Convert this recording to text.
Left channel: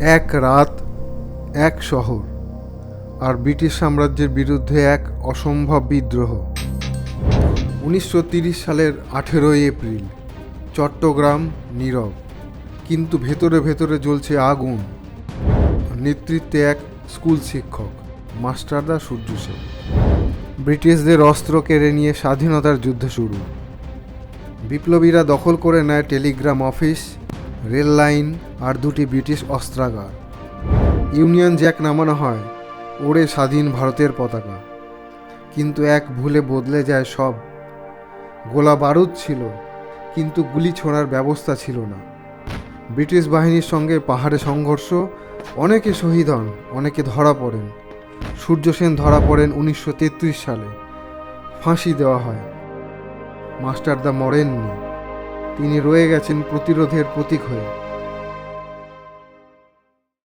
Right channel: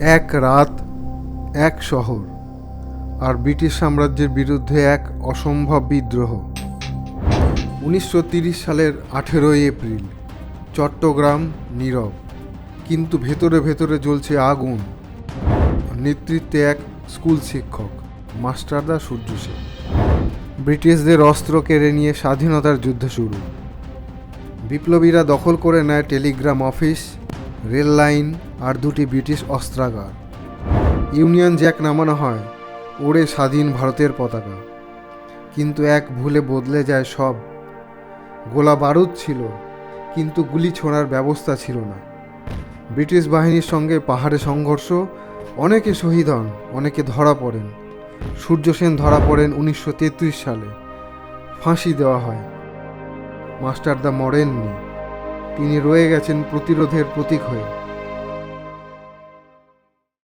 এক রাত, এক শহর, আর ব্রিটিশ সাম্রাজ্যের বিরুদ্ধে এক অসম্ভব বিদ্রোহ। 1930 সালের 18 এপ্রিল, চট্টগ্রাম নীরব, কিন্তু ভেতরে ভেতরে জ্বলছে আগুন। নেতৃত্বে এক স্কুল শিক্ষক, মাস্টারদা সূর্য সেন। ব্রিটিশদের অস্ত্র কেড়ে নিয়ে স্বাধীনতার যুদ্ধ শুরু। বিপ্লবীরা দখল করে নেয় টেলিগ্রাম অফিস, রেল লাইন আর দুটি ব্রিটিশ অস্ত্রাগার। ইউনিয়ন জ্যাক নামানো হয়, উড়ে স্বাধীন ভারতের পতাকা। কিন্তু এক ভুলে বদলে যায় সব। গোলা বারুদ ছিল, কিন্তু গুলি ছোড়ার ব্যবস্থা ছিল না। ব্রিটিশ বাহিনীর সঙ্গে পাহাড়ে সংঘর্ষ, অনেকে শহীদ হন, অনেকে ধরা পড়েন। সূর্য সেন ধরা পড়েন 1933 সালে, ফাঁসি দেওয়া হয়। মাস্টারদা মরেননি, তিনি রয়ে গেছেন প্রতিরোধের প্রতীক হয়ে।